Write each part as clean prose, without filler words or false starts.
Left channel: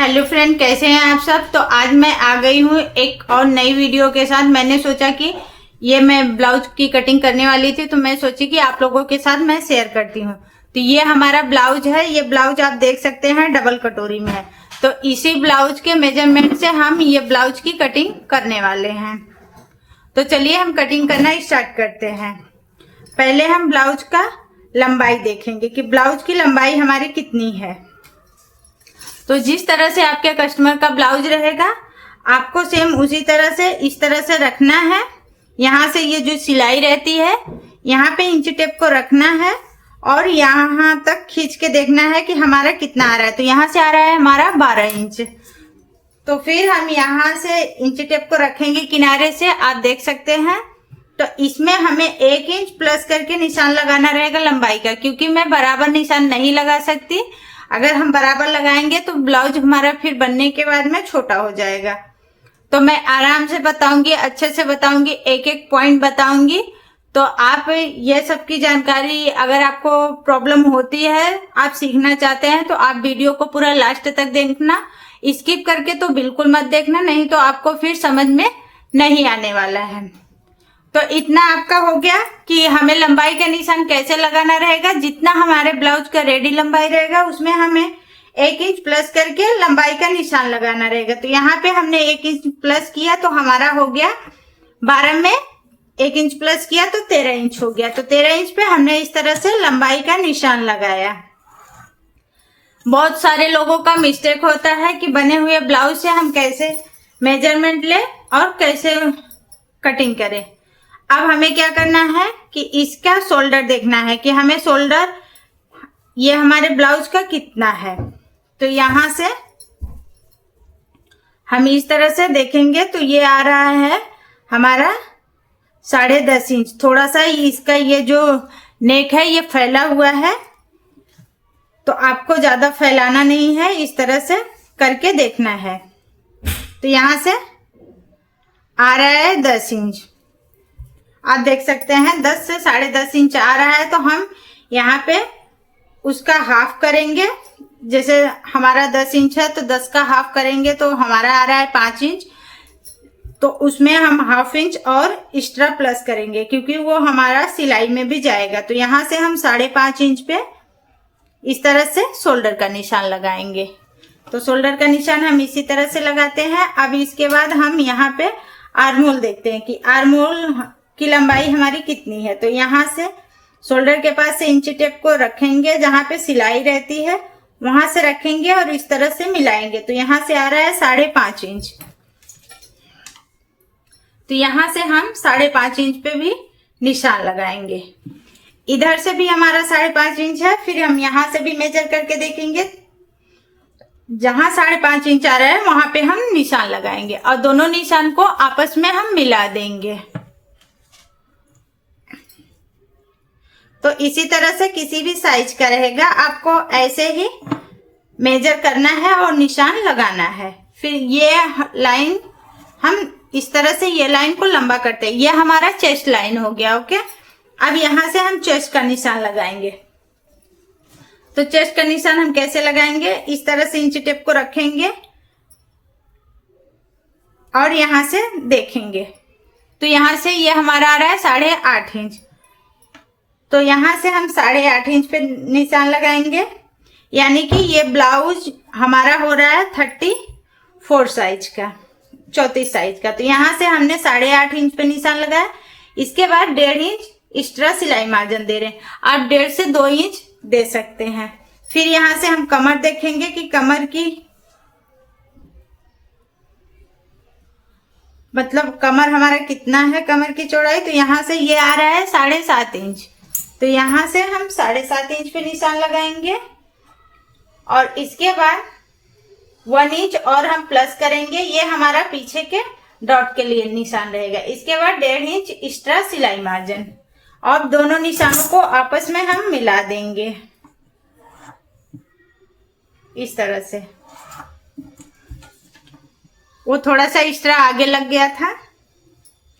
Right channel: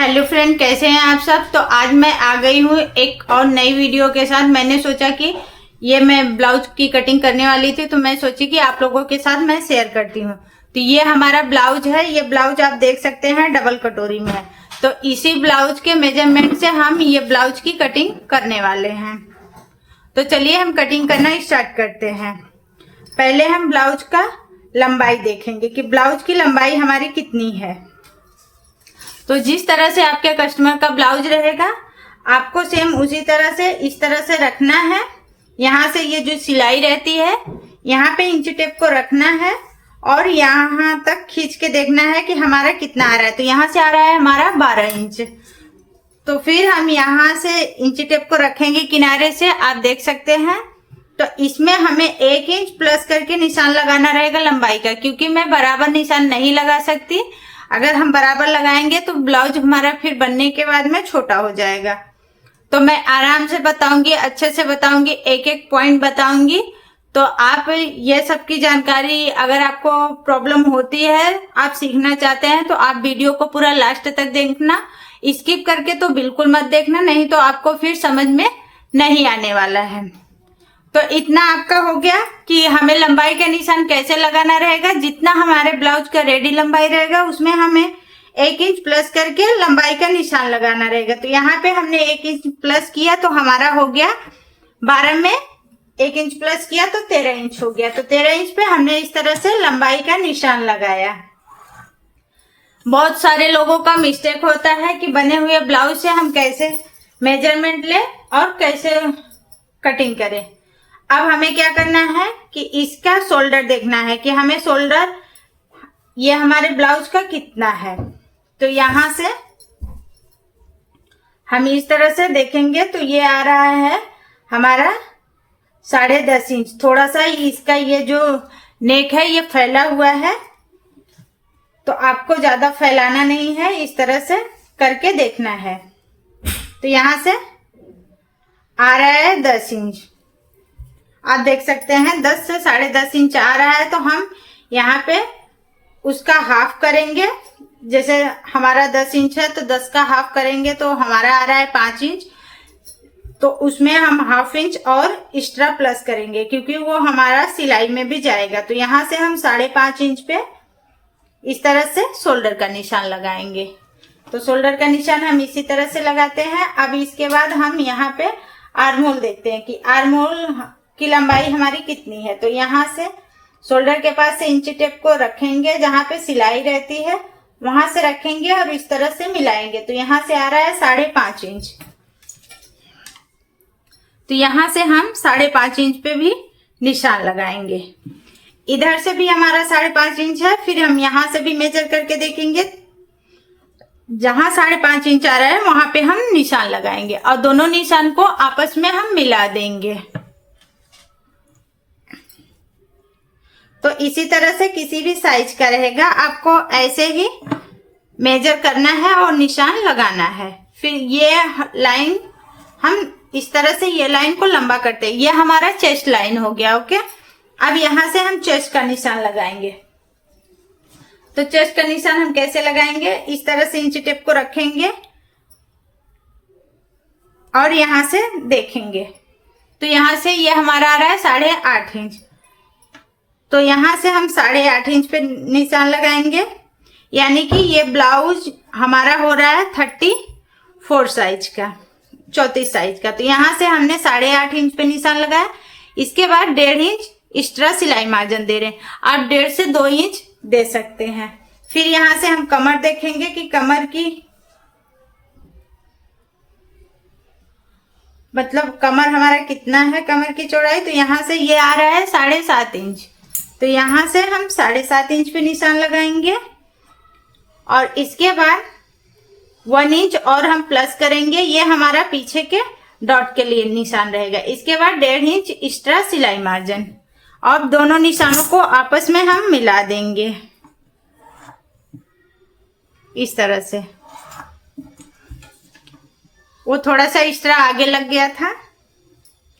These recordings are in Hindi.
हेलो फ्रेंड, कैसे हैं आप सब। तो आज मैं आ गई हूँ एक और नई वीडियो के साथ। मैंने सोचा कि ये मैं ब्लाउज की कटिंग करने वाली थी, तो मैं सोची कि आप लोगों के साथ मैं शेयर करती हूँ। तो ये हमारा ब्लाउज है। ये ब्लाउज आप देख सकते हैं डबल कटोरी में है। तो इसी ब्लाउज के मेजरमेंट से हम ये ब्लाउज की कटिंग करने वाले हैं। तो चलिए हम कटिंग करना स्टार्ट करते हैं। पहले हम ब्लाउज का लंबाई देखेंगे कि ब्लाउज की लंबाई हमारी कितनी है। तो जिस तरह से आपके कस्टमर का ब्लाउज रहेगा, आपको सेम उसी तरह से इस तरह से रखना है। यहाँ से ये जो सिलाई रहती है, यहाँ पे इंच टेप को रखना है और यहाँ तक खींच के देखना है कि हमारा कितना आ रहा है। तो यहाँ से आ रहा है हमारा 12 इंच। तो फिर हम यहाँ से इंच टेप को रखेंगे किनारे से, आप देख सकते हैं। तो इसमें हमें 1 इंच प्लस करके निशान लगाना रहेगा लंबाई का, क्योंकि मैं बराबर निशान नहीं लगा सकती। अगर हम बराबर लगाएंगे तो ब्लाउज हमारा फिर बनने के बाद में छोटा हो जाएगा। तो मैं आराम से बताऊंगी, अच्छे से बताऊंगी, एक एक पॉइंट बताऊंगी। तो आप ये सब की जानकारी, अगर आपको प्रॉब्लम होती है, आप सीखना चाहते हैं, तो आप वीडियो को पूरा लास्ट तक देखना। स्किप करके तो बिल्कुल मत देखना, नहीं तो आपको फिर समझ में नहीं आने वाला है। तो इतना आपका हो गया कि हमें लंबाई का निशान कैसे लगाना रहेगा। जितना हमारे ब्लाउज का रेडी लंबाई रहेगा, उसमें हमें 1 इंच प्लस करके लंबाई का निशान लगाना रहेगा। तो यहाँ पे हमने 1 इंच प्लस किया तो हमारा हो गया 12 में 1 इंच प्लस किया तो 13 इंच हो गया। तो 13 इंच पे हमने इस तरह से लंबाई का निशान लगाया। बहुत सारे लोगों का मिस्टेक होता है कि बने हुए ब्लाउज से हम कैसे मेजरमेंट ले और कैसे कटिंग करें। अब हमें क्या करना है कि इसका शोल्डर देखना है कि हमें शोल्डर ये हमारे ब्लाउज का कितना है। तो यहां से हम इस तरह से देखेंगे तो ये आ रहा है हमारा 10.5 इंच। थोड़ा सा इसका ये जो नेक है ये फैला हुआ है, तो आपको ज्यादा फैलाना नहीं है, इस तरह से करके देखना है। तो यहां से आ रहा है 10 इंच, आप देख सकते हैं 10 से 10.5 इंच आ रहा है। तो हम यहाँ पे उसका हाफ करेंगे। जैसे हमारा 10 इंच है तो 10 का हाफ करेंगे तो हमारा आ रहा है 5 इंच। तो उसमें हम ½ इंच और एक्स्ट्रा प्लस करेंगे, क्योंकि वो हमारा सिलाई में भी जाएगा। तो यहाँ से हम 5.5 इंच पे इस तरह से शोल्डर का निशान लगाएंगे। तो शोल्डर का निशान हम इसी तरह से लगाते हैं। अब इसके बाद हम यहाँ पे आर्म होल देखते हैं कि आर्म होल की लंबाई हमारी कितनी है। तो यहाँ से शोल्डर के पास से इंच टेप को रखेंगे, जहां पे सिलाई रहती है वहां से रखेंगे और इस तरह से मिलाएंगे। तो यहाँ से आ रहा है 5.5 इंच। तो यहाँ से हम 5.5 इंच पे भी निशान लगाएंगे। इधर से भी हमारा 5.5 इंच है। फिर हम यहाँ से भी मेजर करके देखेंगे, जहां 5.5 इंच आ रहा है वहां पे हम निशान लगाएंगे और दोनों निशान को आपस में हम मिला देंगे। तो इसी तरह से किसी भी साइज का रहेगा, आपको ऐसे ही मेजर करना है और निशान लगाना है। फिर ये लाइन हम इस तरह से ये लाइन को लंबा करते हैं। ये हमारा चेस्ट लाइन हो गया। ओके, अब यहां से हम चेस्ट का निशान लगाएंगे। तो चेस्ट का निशान हम कैसे लगाएंगे, इस तरह से इंच टेप को रखेंगे और यहां से देखेंगे। तो यहां से ये हमारा आ रहा है 8.5 इंच। तो यहां से हम 8.5 इंच पे निशान लगाएंगे, यानी कि ये ब्लाउज हमारा हो रहा है 34 साइज का, 34 साइज का। तो यहां से हमने 8.5 इंच पे निशान लगाया। इसके बाद 1.5 इंच एक्स्ट्रा सिलाई मार्जिन दे रहे हैं। आप 1.5 से 2 इंच दे सकते हैं। फिर यहां से हम कमर देखेंगे कि कमर की मतलब कमर हमारा कितना है, कमर की चौड़ाई। तो यहां से ये आ रहा है 7.5 इंच। तो यहां से हम 7.5 इंच पे निशान लगाएंगे और इसके बाद 1 इंच और हम प्लस करेंगे। ये हमारा पीछे के डॉट के लिए निशान रहेगा। इसके बाद 1.5 इंच एक्स्ट्रा सिलाई मार्जिन और दोनों निशानों को आपस में हम मिला देंगे इस तरह से। वो थोड़ा सा एक्स्ट्रा आगे लग गया था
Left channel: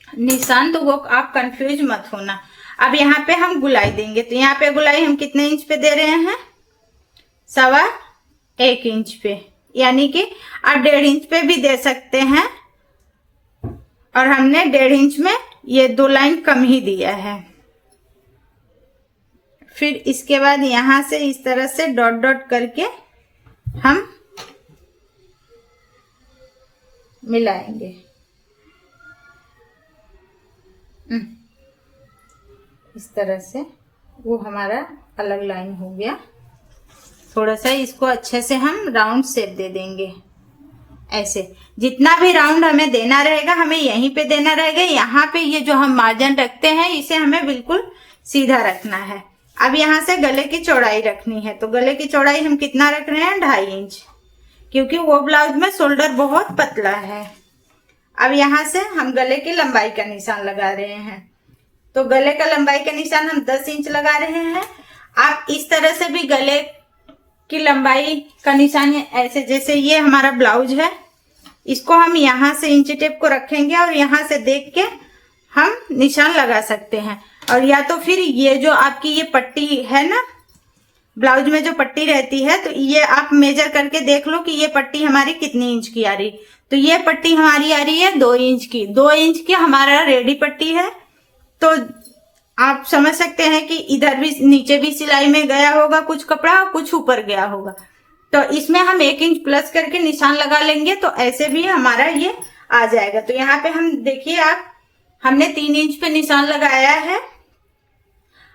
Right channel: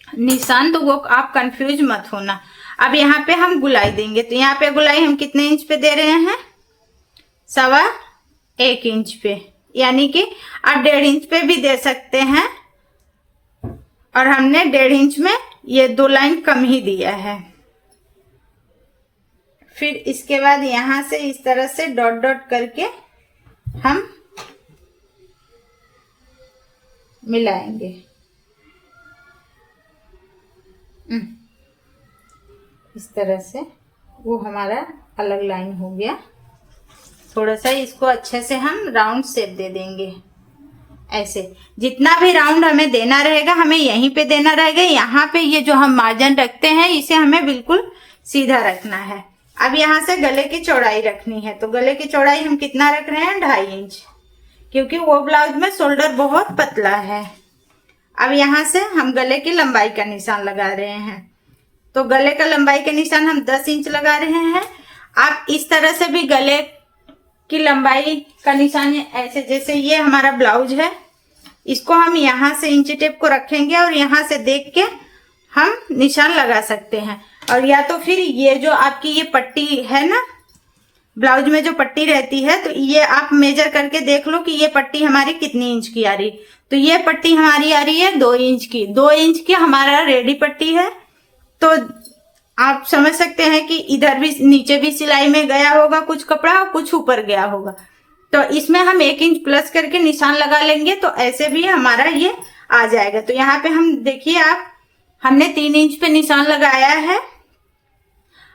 निशान, तो वो आप कंफ्यूज मत होना। अब यहाँ पे हम गुलाई देंगे। तो यहाँ पे गुलाई हम कितने इंच पे दे रहे हैं, 1.25 इंच पे। यानी कि आप 1.5 इंच पे भी दे सकते हैं, और हमने 1.5 इंच में ये 2 लाइन कम ही दिया है। फिर इसके बाद यहां से इस तरह से डॉट डॉट करके हम मिलाएंगे। इस तरह से वो हमारा अलग लाइन हो गया। थोड़ा सा इसको अच्छे से हम राउंड शेप दे देंगे। ऐसे जितना भी राउंड हमें देना रहेगा, हमें यहीं पे देना रहेगा। यहाँ पे ये जो हम मार्जिन रखते हैं, इसे हमें बिल्कुल सीधा रखना है। अब यहाँ से गले की चौड़ाई रखनी है, तो गले की चौड़ाई हम कितना रख रहे हैं? 2.5 इंच, क्योंकि वो ब्लाउज में शोल्डर बहुत पतला है। अब यहाँ से हम गले की लंबाई का निशान लगा रहे हैं, तो गले का लंबाई का निशान हम 10 इंच लगा रहे हैं। आप इस तरह से भी गले की लंबाई का निशान ऐसे, जैसे ये हमारा ब्लाउज है, इसको हम यहाँ से इंची टेप को रखेंगे और यहाँ से देख के हम निशान लगा सकते हैं। और या तो फिर ये जो आपकी ये पट्टी है ना, ब्लाउज में जो पट्टी रहती है, तो ये आप मेजर करके देख लो कि ये पट्टी हमारी कितनी इंच की आ रही। तो ये पट्टी हमारी आ रही है 2 इंच की। 2 इंच की हमारा रेडी पट्टी है, तो आप समझ सकते हैं कि इधर भी नीचे भी सिलाई में गया होगा कुछ कपड़ा और कुछ ऊपर गया होगा, तो इसमें हम 1 इंच प्लस करके निशान लगा लेंगे, तो ऐसे भी हमारा ये आ जाएगा। तो यहाँ पे हम देखिए, आप हमने 3 इंच पे निशान लगाया है।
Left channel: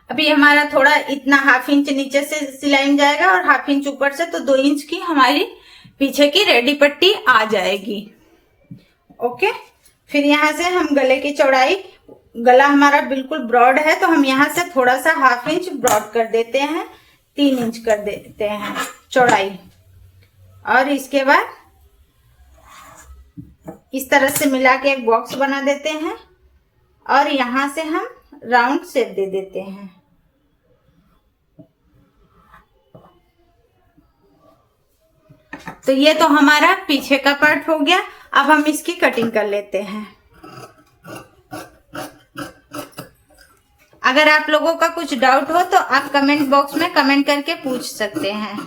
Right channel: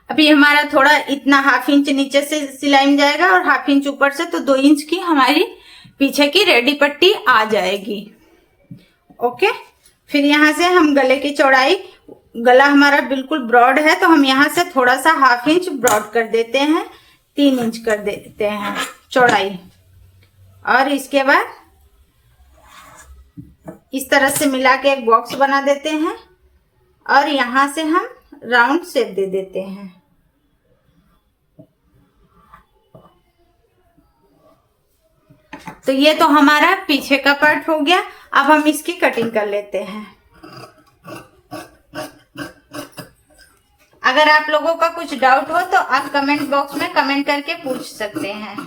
अभी हमारा थोड़ा इतना 1/2 इंच नीचे से सिलाई में जाएगा और 1/2 इंच ऊपर से, तो 2 इंच की हमारी पीछे की रेडी पट्टी आ जाएगी। ओके, फिर यहाँ से हम गले की चौड़ाई, गला हमारा बिल्कुल ब्रॉड है, तो हम यहाँ से थोड़ा सा 1/2 इंच ब्रॉड कर देते हैं, 3 इंच कर देते हैं चौड़ाई। और इसके बाद इस तरह से मिला के एक बॉक्स बना देते हैं और यहाँ से हम राउंड शेप दे देते हैं। तो ये तो हमारा पीछे का पार्ट हो गया। अब हम इसकी कटिंग कर लेते हैं। अगर आप लोगों का कुछ डाउट हो तो आप कमेंट बॉक्स में कमेंट करके पूछ सकते हैं।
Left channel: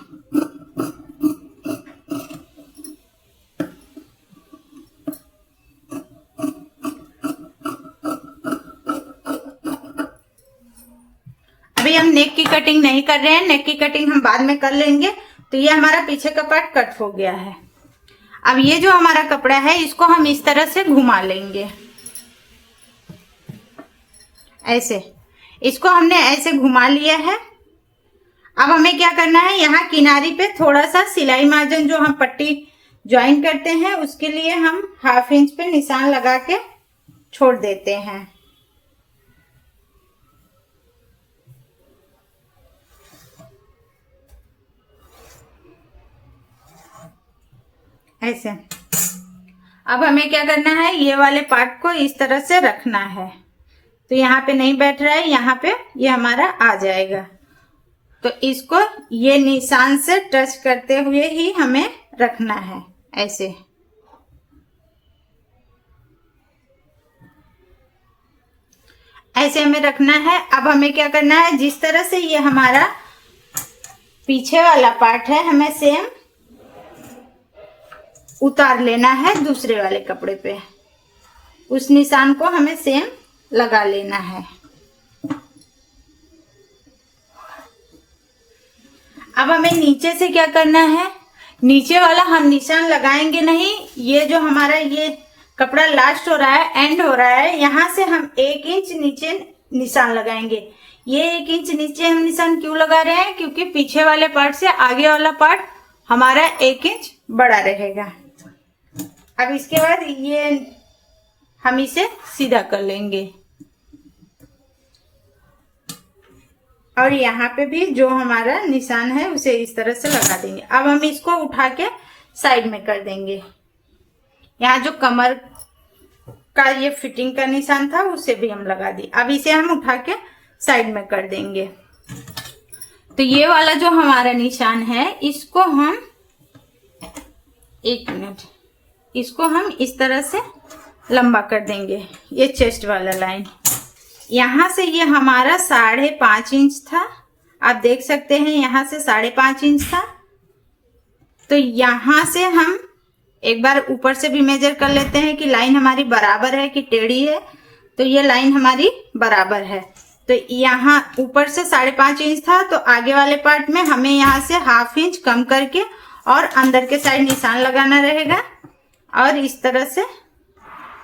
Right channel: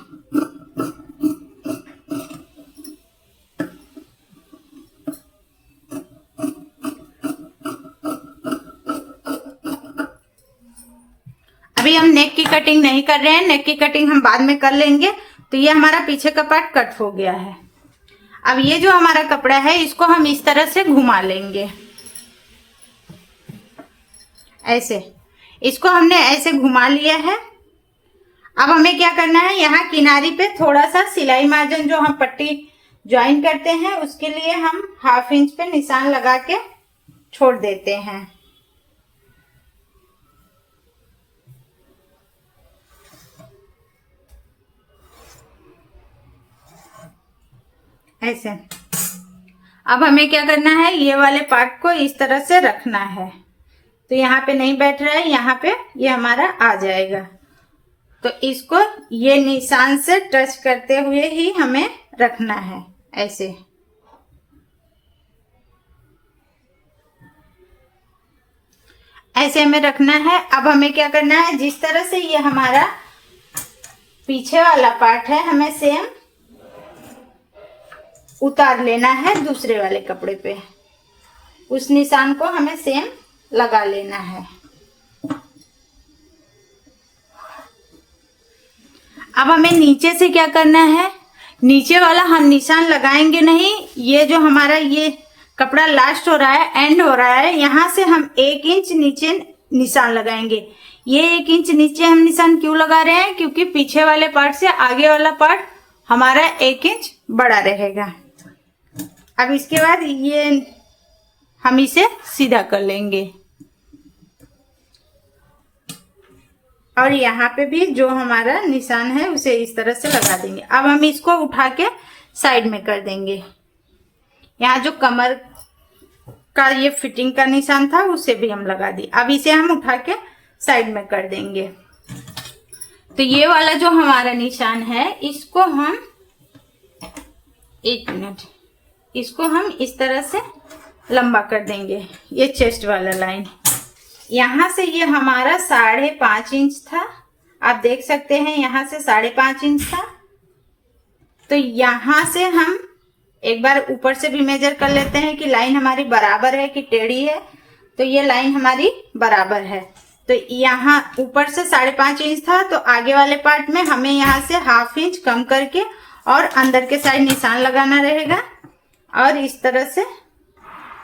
अभी हम नेक की कटिंग नहीं कर रहे हैं, नेक की कटिंग हम बाद में कर लेंगे। तो ये हमारा पीछे का पार्ट कट हो गया है। अब ये जो हमारा कपड़ा है, इसको हम इस तरह से घुमा लेंगे, ऐसे। इसको हमने ऐसे घुमा लिया है। अब हमें क्या करना है, यहाँ किनारी पे थोड़ा सा सिलाई मार्जिन जो हम पट्टी ज्वाइन करते हैं, उसके लिए हम 1/2 इंच पे निशान लगा के छोड़ देते हैं। ऐसे। अब हमें क्या करना है, ये वाले पार्ट को इस तरह से रखना है। तो यहाँ पे नहीं बैठ रहा है, यहाँ पे ये हमारा आ जाएगा। तो इसको ये निशान से टच करते हुए ही हमें रखना है, ऐसे। ऐसे हमें रखना है। अब हमें क्या करना है, जिस तरह से ये हमारा पीछे वाला पार्ट है, हमें सेम उतार लेना है दूसरे वाले कपड़े पे। उस निशान को हमें सेम लगा लेना है। अब हमें नीचे से क्या करना है, नीचे वाला हम निशान लगाएंगे नहीं। ये जो हमारा ये कपड़ा लास्ट हो रहा है, एंड हो रहा है, यहां से हम 1 इंच नीचे निशान लगाएंगे। ये 1 इंच नीचे हम निशान क्यों लगा रहे हैं, क्योंकि पीछे वाले पार्ट से आगे वाला पार्ट हमारा 1 इंच बड़ा रहेगा। अब इसके बाद ये हम इसे सीधा कर लेंगे और यहाँ पे भी जो हमारा निशान है उसे इस तरह से लगा देंगे। अब हम इसको उठा के साइड में कर देंगे। यहाँ जो कमर का ये फिटिंग का निशान था उसे भी हम लगा दिए। अब इसे हम उठा के साइड में कर देंगे। तो ये वाला जो हमारा निशान है, इसको हम 1 मिनट, इसको हम इस तरह से लंबा कर देंगे। ये चेस्ट वाला लाइन, यहाँ से ये हमारा 5.5 इंच था, आप देख सकते हैं यहाँ से 5.5 इंच था। तो यहाँ से हम एक बार ऊपर से भी मेजर कर लेते हैं कि लाइन हमारी बराबर है कि टेढ़ी है। तो ये लाइन हमारी बराबर है। तो यहाँ ऊपर से 5.5 इंच था, तो आगे वाले पार्ट में हमें यहाँ से 1/2 इंच कम करके और अंदर के साइड निशान लगाना रहेगा और इस तरह से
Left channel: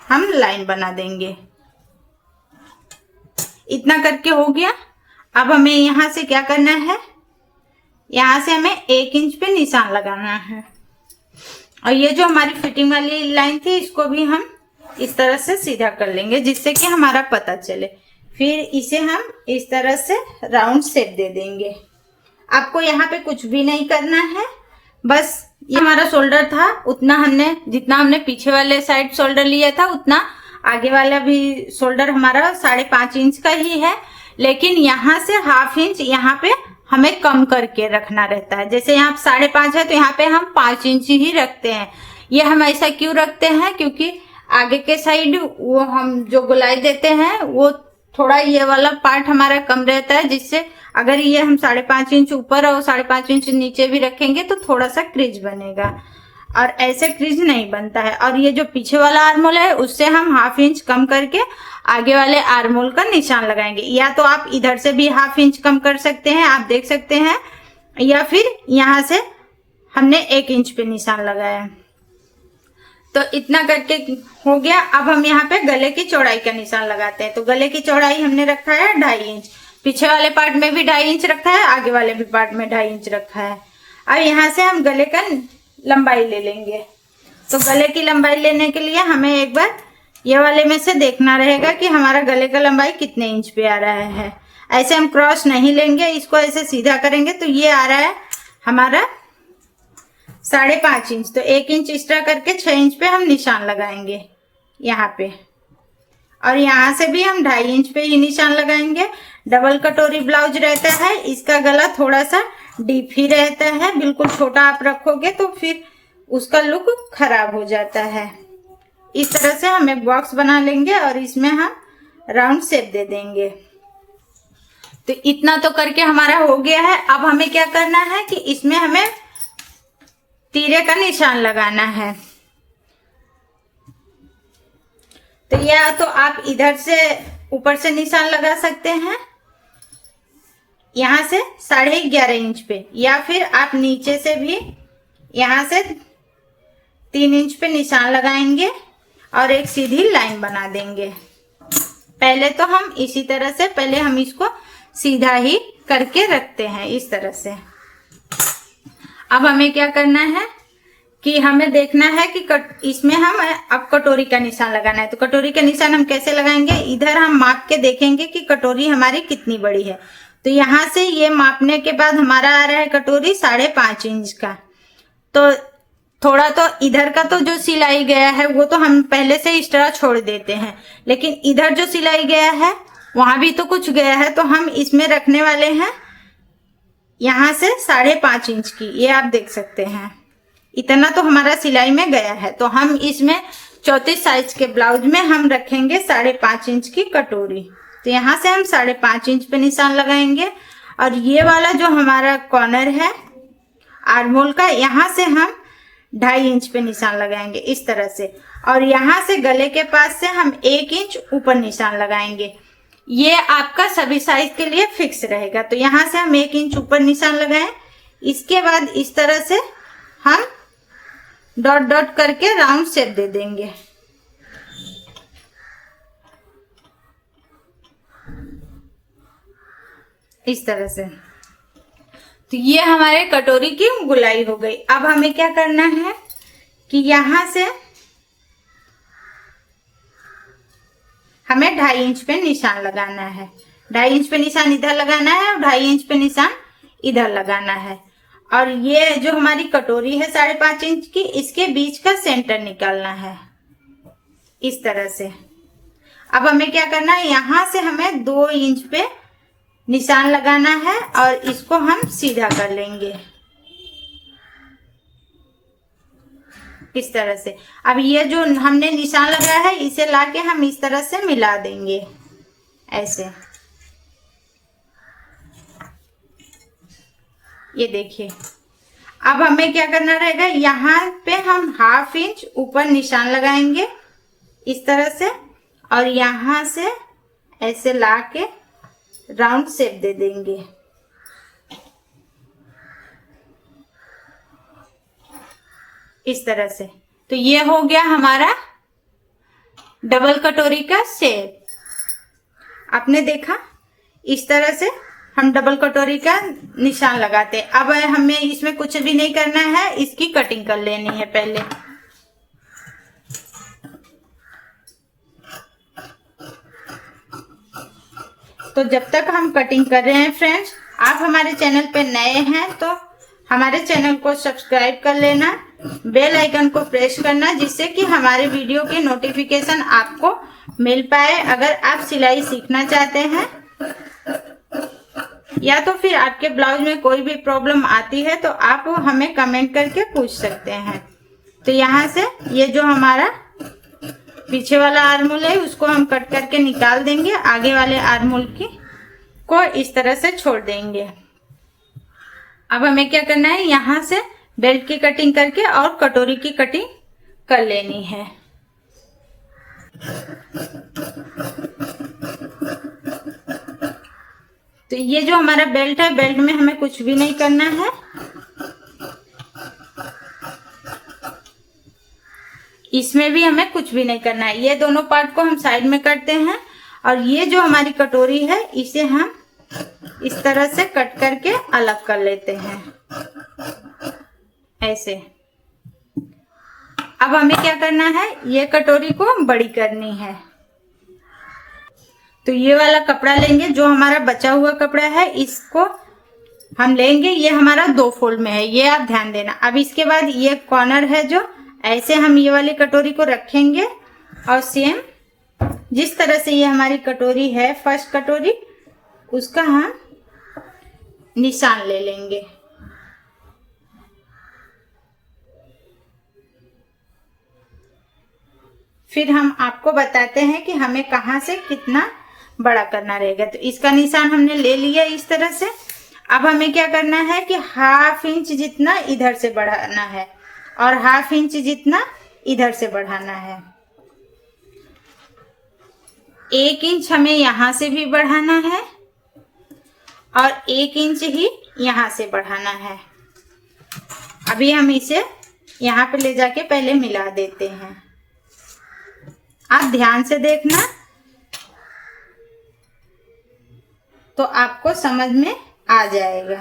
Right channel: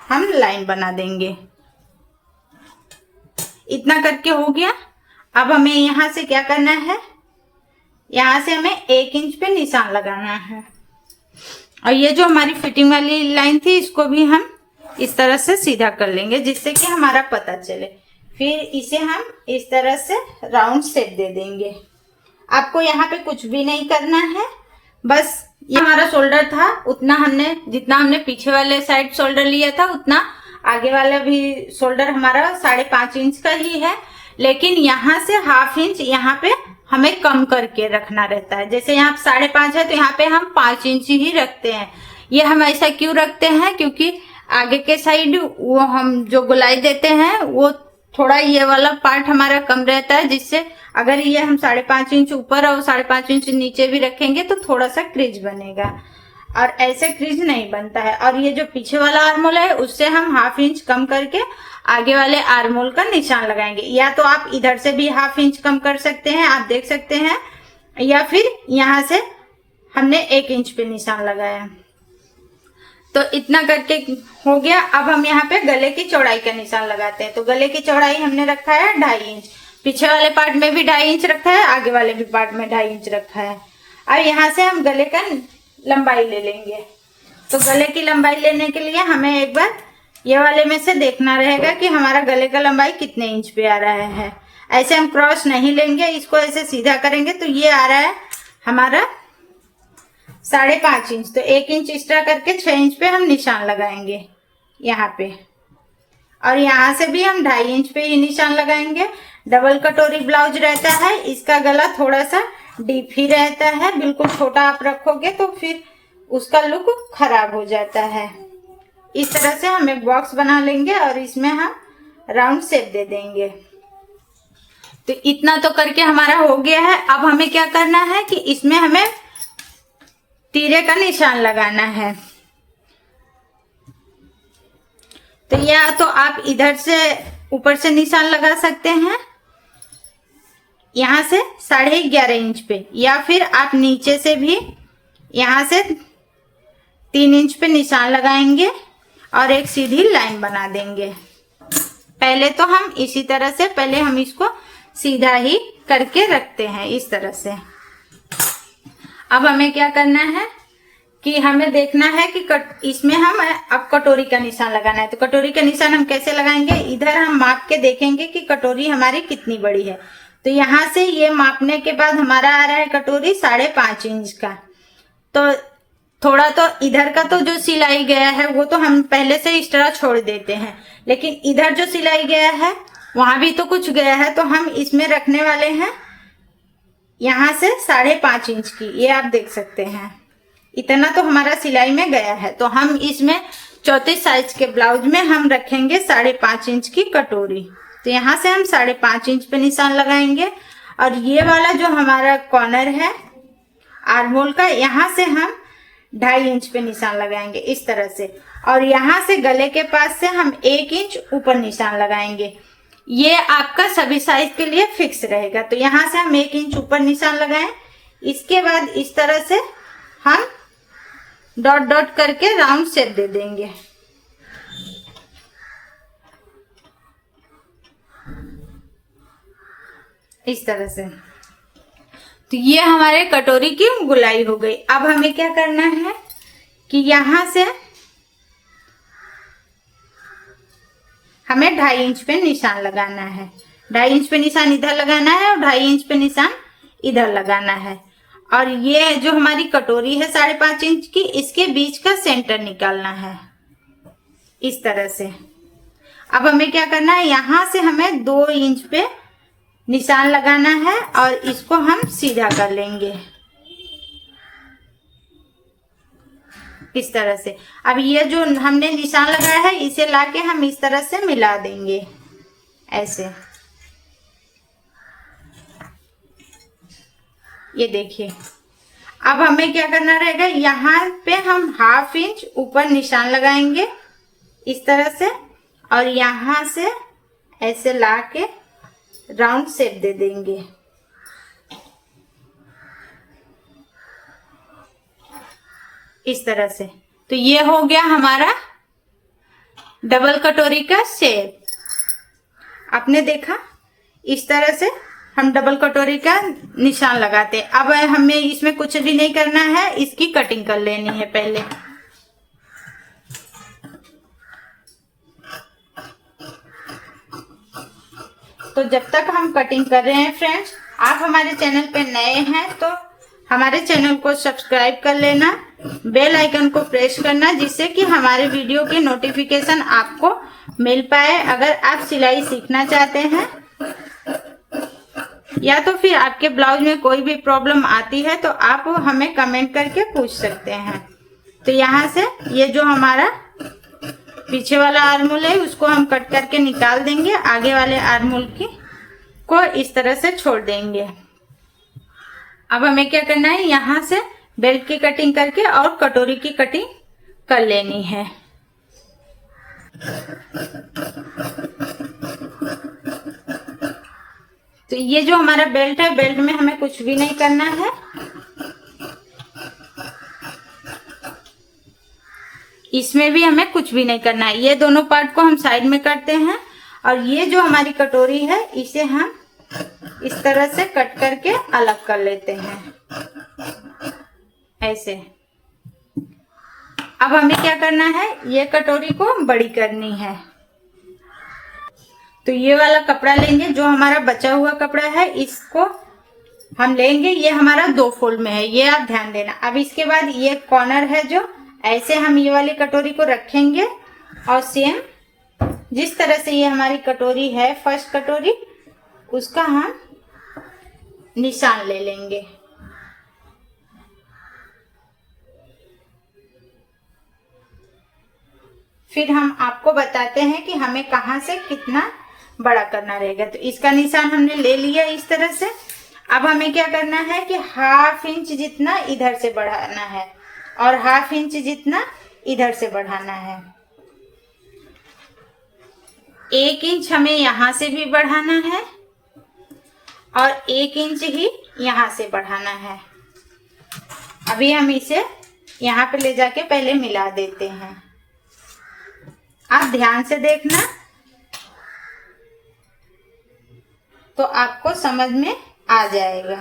हम लाइन बना देंगे। इतना करके हो गया। अब हमें यहाँ से क्या करना है, यहाँ से हमें 1 इंच पे निशान लगाना है और ये जो हमारी फिटिंग वाली लाइन थी इसको भी हम इस तरह से सीधा कर लेंगे जिससे कि हमारा पता चले। फिर इसे हम इस तरह से राउंड शेप दे देंगे। आपको यहाँ पे कुछ भी नहीं करना है, बस ये हमारा शोल्डर था उतना हमने, जितना हमने पीछे वाले साइड शोल्डर लिया था उतना आगे वाला भी शोल्डर हमारा 5.5 इंच का ही है, लेकिन यहाँ से 1/2 इंच यहाँ पे हमें कम करके रखना रहता है। जैसे यहाँ 5.5 है तो यहाँ पे हम 5 इंच ही रखते हैं। ये हम ऐसा क्यों रखते हैं, क्योंकि आगे के साइड वो हम जो गोलाई देते हैं वो थोड़ा ये वाला पार्ट हमारा कम रहता है, जिससे अगर ये हम 5.5 इंच ऊपर और 5.5 इंच नीचे भी रखेंगे तो थोड़ा सा क्रीज बनेगा और ऐसे क्रीज नहीं बनता है। और ये जो पीछे वाला आर्मोल है उससे हम 1/2 इंच कम करके आगे वाले आर्मोल का निशान लगाएंगे। या तो आप इधर से भी 1/2 इंच कम कर सकते हैं, आप देख सकते हैं, या फिर यहाँ से हमने 1 इंच पे निशान लगाया। तो इतना करके हो गया। अब हम यहाँ पे गले की चौड़ाई का निशान लगाते हैं। तो गले की चौड़ाई हमने रखा है 2.5 इंच, पीछे वाले पार्ट में भी 2.5 इंच रखा है, आगे वाले भी पार्ट में 2.5 इंच रखा है। अब यहाँ से हम गले का लंबाई ले लेंगे। तो गले की लंबाई लेने के लिए हमें एक बार ये वाले में से देखना रहेगा कि हमारा गले का लंबाई कितने इंच पे आ रहा है। ऐसे हम क्रॉस नहीं लेंगे, इसको ऐसे सीधा करेंगे तो ये आ रहा है हमारा 5.5 इंच। तो 1 इंच एक्स्ट्रा करके 6 इंच पे हम निशान लगाएंगे यहाँ पे, और यहाँ से भी हम 2.5 इंच पे ही निशान लगाएंगे। डबल कटोरी ब्लाउज रहता है, इसका गला थोड़ा सा डीप ही रहता है, बिल्कुल छोटा आप रखोगे तो फिर उसका लुक खराब हो जाता है। इस तरह से हम एक बॉक्स बना लेंगे और इसमें हम राउंड शेप दे देंगे। तो इतना तो करके हमारा हो गया है। अब हमें क्या करना है कि इसमें हमें तीरे का निशान लगाना है। तो या तो आप इधर से ऊपर से निशान लगा सकते हैं यहाँ से 11.5 इंच पे, या फिर आप नीचे से भी यहाँ से 3 इंच पे निशान लगाएंगे और एक सीधी लाइन बना देंगे। पहले तो हम इसी तरह से, पहले हम इसको सीधा ही करके रखते हैं इस तरह से। अब हमें क्या करना है कि हमें देखना है कि इसमें हम अब कटोरी का निशान लगाना है। तो कटोरी का निशान हम कैसे लगाएंगे, इधर हम माप के देखेंगे कि कटोरी हमारी कितनी बड़ी है। तो यहाँ से ये मापने के बाद हमारा आ रहा है कटोरी 5.5 इंच का। तो थोड़ा तो इधर का तो जो सिलाई गया है वो तो हम पहले से एक्स्ट्रा छोड़ देते हैं, लेकिन इधर जो सिलाई गया है वहां भी तो कुछ गया है, तो हम इसमें रखने वाले हैं यहाँ से 5.5 इंच की। ये आप देख सकते हैं, इतना तो हमारा सिलाई में गया है। तो हम इसमें 34 साइज के ब्लाउज में हम रखेंगे 5.5 इंच की कटोरी। तो यहाँ से हम 5.5 इंच पे निशान लगाएंगे और ये वाला जो हमारा कॉर्नर है आर्महोल का, यहाँ से हम 2.5 इंच पे निशान लगाएंगे इस तरह से, और यहाँ से गले के पास से हम 1 इंच ऊपर निशान लगाएंगे। ये आपका सभी साइज के लिए फिक्स रहेगा। तो यहाँ से हम 1 इंच ऊपर निशान लगाएं। इसके बाद इस तरह से हम डॉट डॉट करके राउंड शेप दे देंगे। इस तरह से। तो ये हमारे कटोरी की गोलाई हो गई। अब हमें क्या करना है कि यहां से हमें 2.5 इंच पे निशान लगाना है। 2.5 इंच पे निशान इधर लगाना है और 2.5 इंच पे निशान इधर लगाना है। और ये जो हमारी कटोरी है 5.5 इंच की, इसके बीच का सेंटर निकालना है इस तरह से। अब हमें क्या करना है, यहां से हमें 2 इंच पे निशान लगाना है और इसको हम सीधा कर लेंगे इस तरह से। अब ये जो हमने निशान लगाया है इसे लाके हम इस तरह से मिला देंगे ऐसे। ये देखिए, अब हमें क्या करना रहेगा, यहाँ पे हम 1/2 इंच ऊपर निशान लगाएंगे इस तरह से, और यहाँ से ऐसे ला के राउंड शेप दे देंगे। इस तरह से। तो ये हो गया हमारा डबल कटोरी का शेप। आपने देखा, इस तरह से हम डबल कटोरी का निशान लगाते हैं। अब हमें इसमें कुछ भी नहीं करना है, इसकी कटिंग कर लेनी है पहले। तो जब तक हम कटिंग कर रहे हैं फ्रेंड्स, आप हमारे चैनल पे नए हैं तो हमारे चैनल को सब्सक्राइब कर लेना, बेल आइकन को प्रेस करना, जिससे कि हमारे वीडियो के नोटिफिकेशन आपको मिल पाए। अगर आप सिलाई सीखना चाहते हैं या तो फिर आपके ब्लाउज में कोई भी प्रॉब्लम आती है तो आप हमें कमेंट करके पूछ सकते हैं। तो यहाँ से ये जो हमारा पीछे वाला आर्महोल है उसको हम कट करके निकाल देंगे, आगे वाले आर्महोल की को इस तरह से छोड़ देंगे। अब हमें क्या करना है, यहाँ से बेल्ट की कटिंग करके और कटोरी की कटिंग कर लेनी है। तो ये जो हमारा बेल्ट है, बेल्ट में हमें कुछ भी नहीं करना है। इसमें भी हमें कुछ भी नहीं करना है। ये दोनों पार्ट को हम साइड में करते हैं और ये जो हमारी कटोरी है इसे हम इस तरह से कट करके अलग कर लेते हैं ऐसे। अब हमें क्या करना है, ये कटोरी को बड़ी करनी है। तो ये वाला कपड़ा लेंगे, जो हमारा बचा हुआ कपड़ा है इसको हम लेंगे। ये हमारा 2 फोल्ड में है, ये आप ध्यान देना। अब इसके बाद ये कॉर्नर है जो ऐसे हम ये वाली कटोरी को रखेंगे और सेम जिस तरह से ये हमारी कटोरी है फर्स्ट कटोरी, उसका हम निशान ले लेंगे। फिर हम आपको बताते हैं कि हमें कहाँ से कितना बड़ा करना रहेगा। तो इसका निशान हमने ले लिया इस तरह से। अब हमें क्या करना है कि 1/2 इंच जितना इधर से बढ़ाना है और 1/2 इंच जितना इधर से बढ़ाना है। 1 इंच हमें यहां से भी बढ़ाना है और 1 इंच ही यहां से बढ़ाना है। अभी हम इसे यहां पे ले जाके पहले मिला देते हैं। आप ध्यान से देखना तो आपको समझ में आ जाएगा।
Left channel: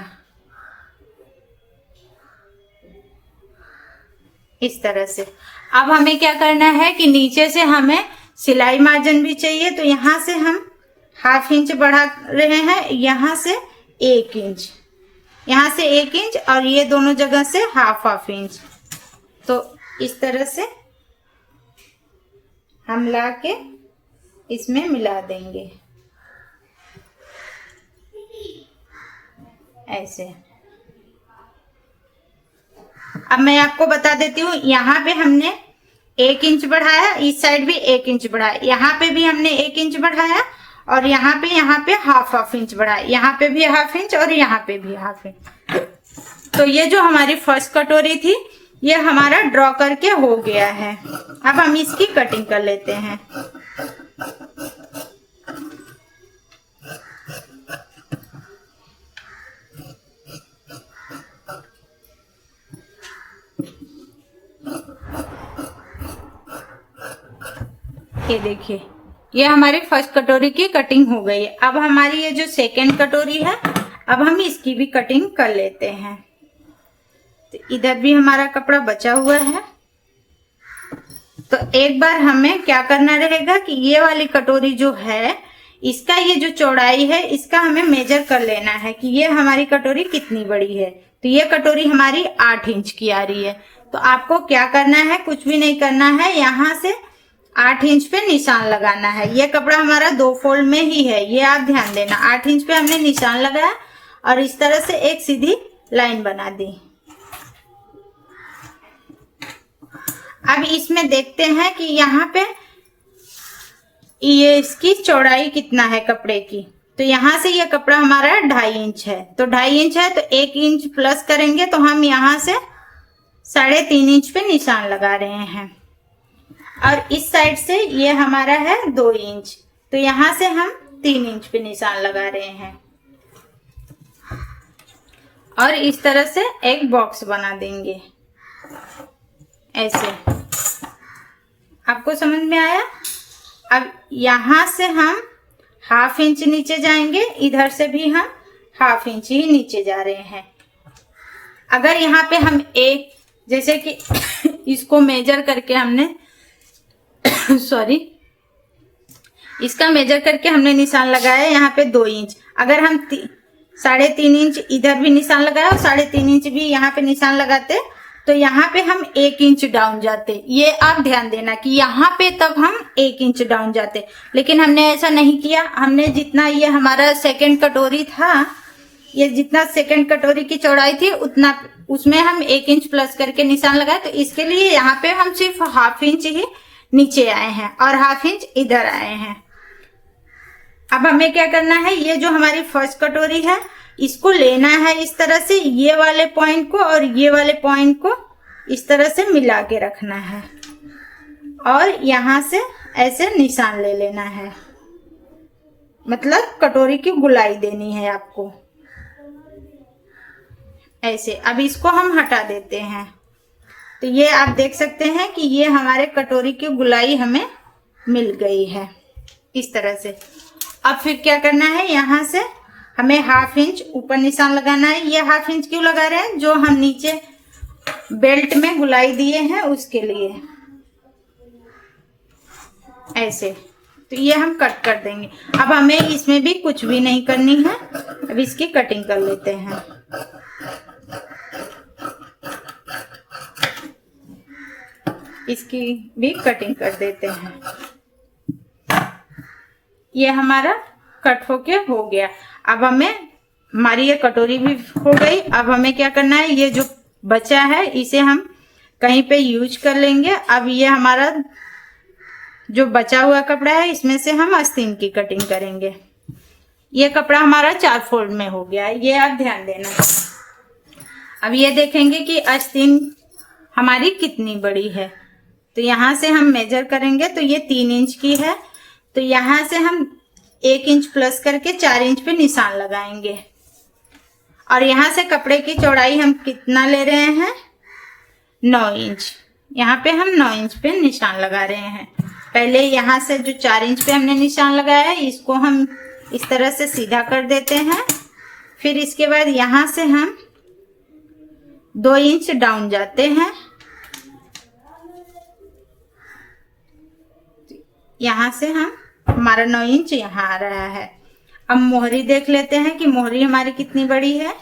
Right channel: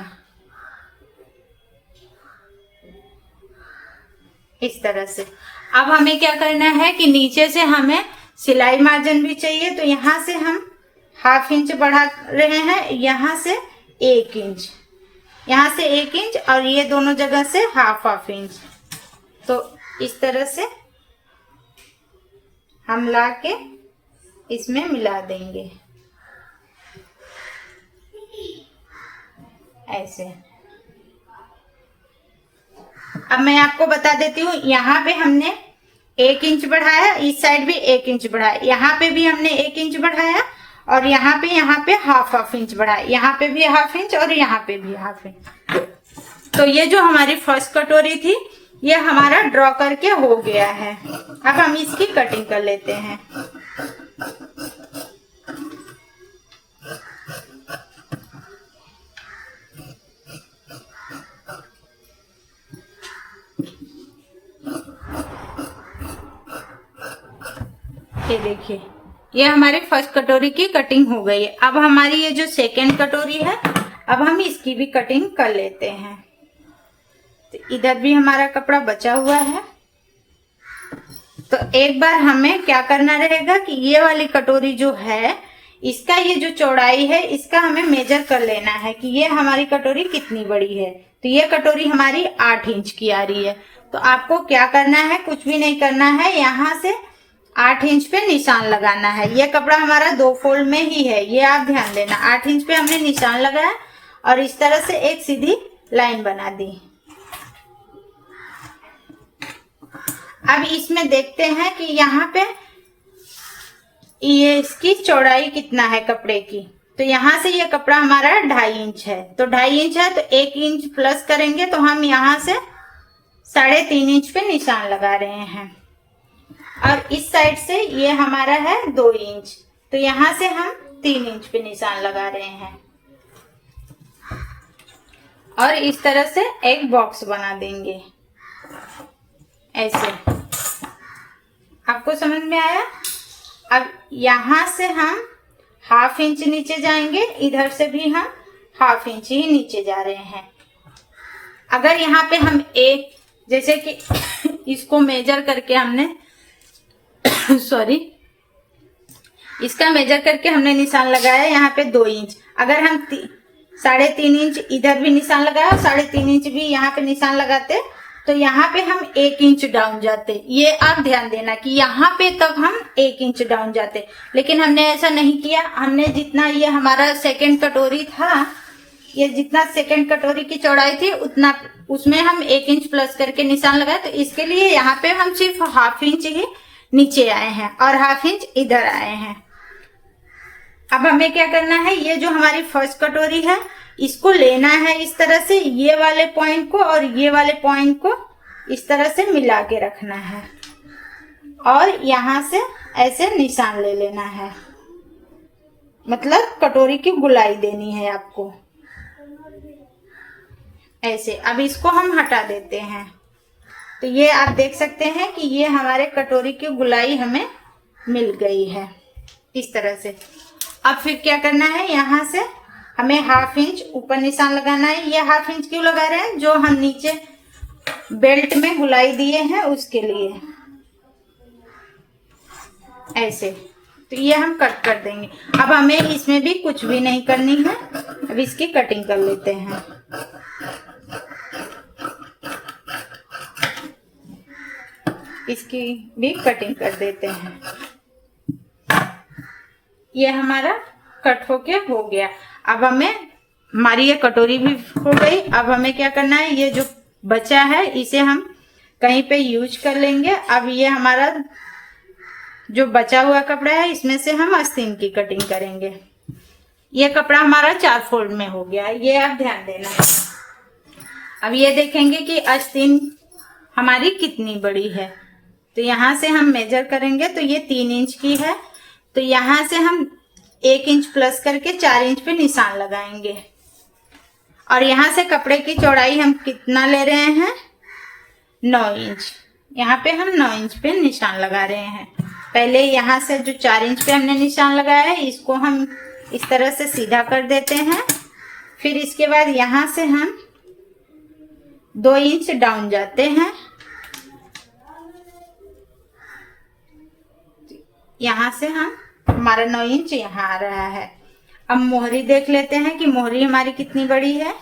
इस तरह से। अब हमें क्या करना है कि नीचे से हमें सिलाई मार्जिन भी चाहिए, तो यहां से हम 1/2 इंच बढ़ा रहे हैं, यहां से 1 इंच, यहां से 1 इंच और ये दोनों जगह से 1/2 इंच। तो इस तरह से हम ला के इसमें मिला देंगे ऐसे। अब मैं आपको बता देती हूँ, यहाँ पे हमने 1 इंच बढ़ाया, इस साइड भी 1 इंच बढ़ाया, यहाँ पे भी हमने 1 इंच बढ़ाया और यहाँ पे 1/2 इंच बढ़ाया, यहाँ पे भी 1/2 इंच और यहाँ पे भी 1/2 इंच। तो ये जो हमारी फर्स्ट कटोरी थी ये हमारा ड्रॉ करके हो गया है। अब हम इसकी कटिंग कर लेते हैं। ये देखिए, ये हमारी फर्स्ट कटोरी की कटिंग हो गई है। अब हमारी ये जो सेकेंड कटोरी है, अब हम इसकी भी कटिंग कर लेते हैं। तो इधर भी हमारा कपड़ा बचा हुआ है, तो एक बार हमें क्या करना रहेगा कि ये वाली कटोरी जो है इसका ये जो चौड़ाई है इसका हमें मेजर कर लेना है कि ये हमारी कटोरी कितनी बड़ी है। तो ये कटोरी हमारी 8 इंच की आ रही है। तो आपको क्या करना है, कुछ भी नहीं करना है, यहाँ से 8 इंच पे निशान लगाना है। ये कपड़ा हमारा 2 फोल्ड में ही है, ये आप ध्यान देना। 8 इंच पे हमने निशान लगाया और इस तरह से एक सीधी लाइन बना दी। अब इसमें देखते हैं कि यहाँ पे ये इसकी चौड़ाई कितना है कपड़े की। तो यहाँ से ये कपड़ा हमारा 2.5 इंच है, तो 2.5 इंच है तो 1 इंच प्लस करेंगे, तो हम यहाँ से 3.5 इंच पे निशान लगा रहे हैं। और इस साइड से ये हमारा है 2 इंच, तो यहाँ से हम 3 इंच पे निशान लगा रहे हैं। और इस तरह से एक बॉक्स बना देंगे ऐसे। आपको समझ में आया? अब यहाँ से हम 1/2 इंच नीचे जाएंगे, इधर से भी हम 1/2 इंच ही नीचे जा रहे हैं। अगर यहाँ पे हम एक, जैसे कि इसको मेजर करके हमने सॉरी, इसका मेजर करके हमने निशान लगाया यहाँ पे 2 इंच। अगर हम 3.5 इंच इधर भी निशान लगाया और 3.5 इंच भी यहाँ पे निशान लगाते, तो यहाँ पे हम 1 इंच डाउन जाते। ये आप ध्यान देना कि यहाँ पे तब हम 1 इंच डाउन जाते, लेकिन हमने ऐसा नहीं किया। हमने जितना ये हमारा सेकंड कटोरी था, ये जितना सेकंड कटोरी की चौड़ाई थी उतना, उसमें हम 1 इंच प्लस करके निशान लगाए। तो इसके लिए यहाँ पे हम सिर्फ 1/2 इंच ही नीचे आए हैं और 1/2 इंच इधर आए हैं। अब हमें क्या करना है, ये जो हमारी फर्स्ट कटोरी है इसको लेना है इस तरह से, ये वाले पॉइंट को और ये वाले पॉइंट को इस तरह से मिला के रखना है और यहाँ से ऐसे निशान ले लेना है, मतलब कटोरी की गोलाई देनी है आपको ऐसे। अब इसको हम हटा देते हैं, तो ये आप देख सकते हैं कि ये हमारे कटोरी की गोलाई हमें मिल गई है इस तरह से। अब फिर क्या करना है, यहाँ से हमें 1/2 इंच ऊपर निशान लगाना है। ये 1/2 इंच क्यों लगा रहे हैं, जो हम नीचे बेल्ट में गोलाई दिए हैं उसके लिए ऐसे। तो ये हम कट कर देंगे। अब हमें इसमें भी कुछ भी नहीं करनी है, अब इसकी कटिंग कर लेते हैं। इसकी भी कटिंग कर देते हैं। ये हमारा कट होके हो गया। अब हमें, हमारी ये कटोरी भी हो गई। अब हमें क्या करना है, ये जो बचा है इसे हम कहीं पे यूज कर लेंगे। अब ये हमारा जो बचा हुआ कपड़ा है इसमें से हम आस्तीन की कटिंग करेंगे। ये कपड़ा हमारा 4 फोल्ड में हो गया, ये आप ध्यान देना। अब ये देखेंगे कि आस्तीन हमारी कितनी बड़ी है, तो यहाँ से हम मेजर करेंगे तो ये 3 इंच की है, तो यहाँ से हम 1 इंच प्लस करके 4 इंच पे निशान लगाएंगे। और यहाँ से कपड़े की चौड़ाई हम कितना ले रहे हैं, 9 इंच। यहाँ पे हम 9 इंच पे निशान लगा रहे हैं। पहले यहाँ से जो 4 इंच पे हमने निशान लगाया है इसको हम इस तरह से सीधा कर देते हैं। फिर इसके बाद यहाँ से हम 2 इंच डाउन जाते हैं। यहाँ से हम, हमारा 9 इंच यहाँ आ रहा है। अब मोहरी देख लेते हैं कि मोहरी हमारी कितनी बड़ी है।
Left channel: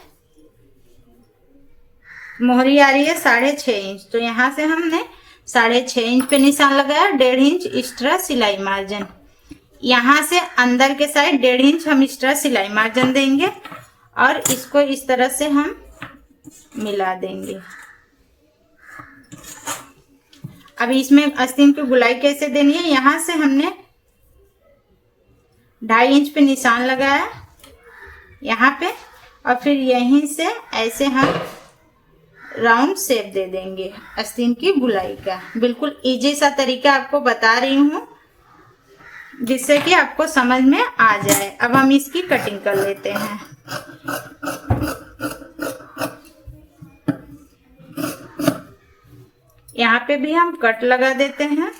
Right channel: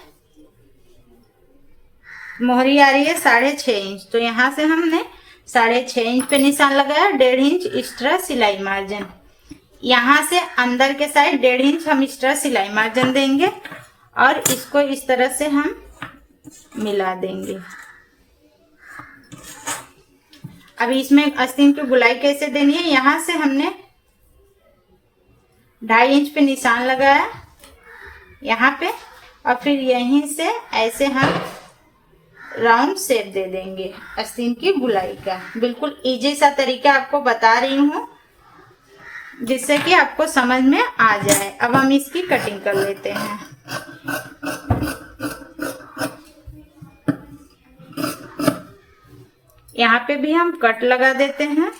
मोहरी आ रही है 6.5 इंच, तो यहाँ से हमने 6.5 इंच पे निशान लगाया। 1.5 इंच एक्स्ट्रा सिलाई मार्जिन, यहाँ से अंदर के साइड 1.5 इंच हम एक्स्ट्रा सिलाई मार्जिन देंगे और इसको इस तरह से हम मिला देंगे। अब इसमें आस्तीन की गोलाई कैसे देनी है, यहाँ से हमने 2.5 इंच पे निशान लगाया यहाँ पे, और फिर यहीं से ऐसे हम राउंड शेप दे देंगे आस्तीन की गोलाई का। बिल्कुल इजी सा तरीका आपको बता रही हूँ जिससे कि आपको समझ में आ जाए। अब हम इसकी कटिंग कर लेते हैं। यहाँ पे भी हम कट लगा देते हैं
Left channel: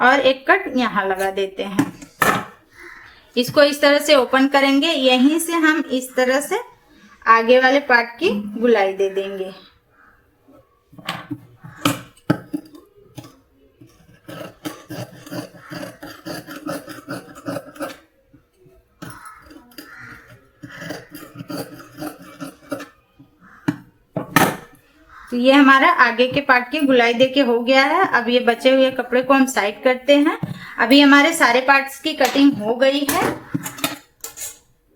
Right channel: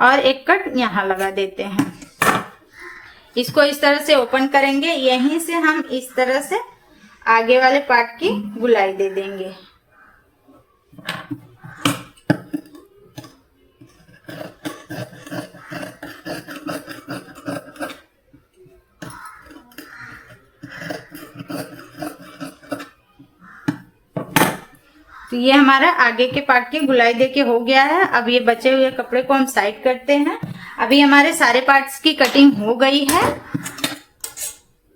और एक कट यहाँ लगा देते हैं। इसको इस तरह से ओपन करेंगे, यहीं से हम इस तरह से आगे वाले पार्ट की गोलाई दे देंगे। तो ये हमारा आगे के पार्ट की गोलाई देके हो गया है। अब ये बचे हुए कपड़े को हम साइड करते हैं। अभी हमारे सारे पार्ट्स की कटिंग हो गई है।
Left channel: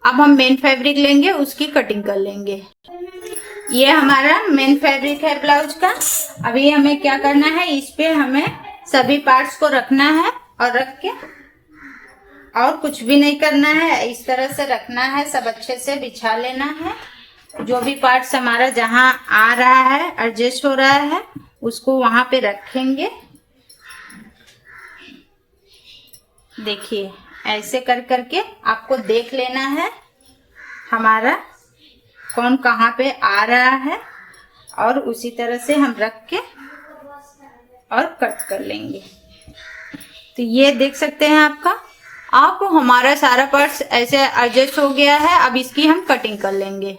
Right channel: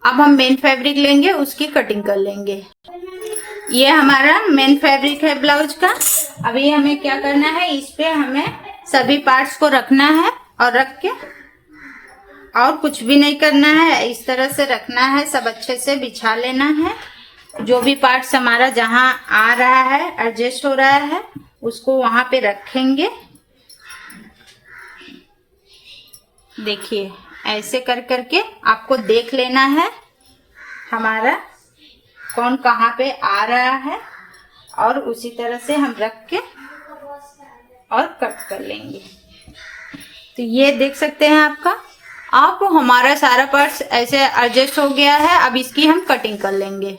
अब हम मेन फैब्रिक लेंगे, उसकी कटिंग कर लेंगे। ये हमारा मेन फैब्रिक है ब्लाउज का। अभी हमें क्या करना है, इस पे हमें सभी पार्ट्स को रखना है और रख के और कुछ भी नहीं करना है, इस तरह से रखना है, सब अच्छे से बिछा लेना है। जो भी पार्ट्स हमारा जहां आ रहा है, एडजस्ट हो रहा है, उसको वहां पे रखेंगे। देखिए ऐसे कर करके आपको देख लेना है हमारा कौन कहाँ पे आ रहा है, और उसी तरह से हम रख के और कट कर लेंगे। तो ये देख सकते हैं आप हमारा सारा पार्ट्स ऐसे एडजस्ट हो गया है। अब इसकी हम कटिंग कर लेंगे।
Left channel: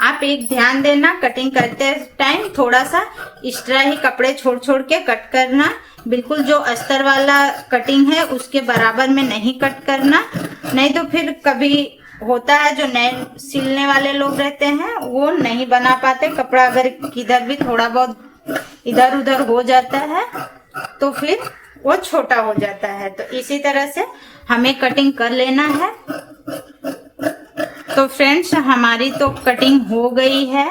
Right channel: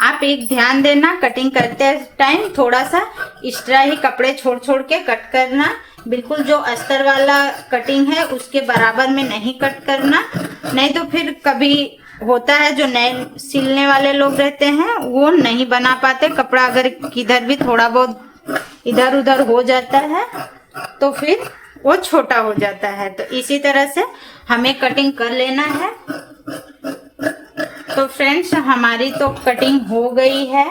आप एक ध्यान देना, कटिंग करते टाइम थोड़ा सा एक्स्ट्रा ही कपड़े छोड़ छोड़ के कट करना। बिल्कुल जो अस्तर वाला कटिंग है उसके बराबर में नहीं कट करना, नहीं तो फिर कभी होता है जो नए सिलने वाले लोग रहते हैं वो नहीं बना पाते। कपड़ा अगर किधर भी थोड़ा बहुत इधर उधर हो जाता है तो फिर वो छोटा हो जाता है। तो इसी तरह से हमें कटिंग कर लेना है। तो फ्रेंड्स हमारी तो कटिंग हो गई है।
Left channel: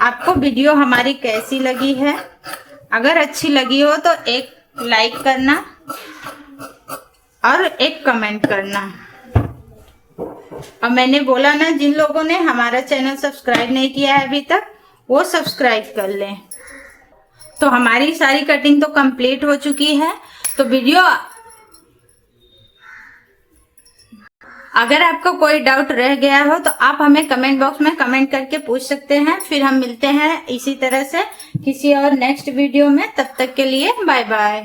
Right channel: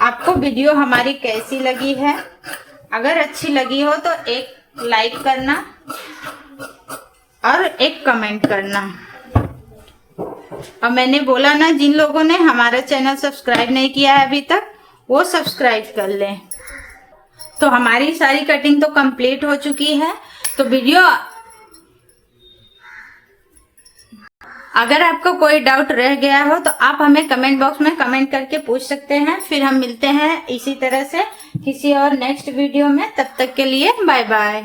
आपको वीडियो हमारी कैसी लगी है? अगर अच्छी लगी हो तो एक लाइक करना और एक कमेंट करना। और मैंने बोला ना, जिन लोगों ने हमारा चैनल सब्सक्राइब नहीं किया है अभी तक, वो सब्सक्राइब कर लें। तो हमारी सारी कटिंग तो कंप्लीट हो चुकी है। तो वीडियो अगर आपको कोई डाउट रह गया हो तो आप हमें कमेंट बॉक्स में कमेंट करके पूछ सकते हैं। फिर हम मिलते हैं इसी तरह से किसी और नेक्स्ट वीडियो में। तब तक के लिए बाय बाय।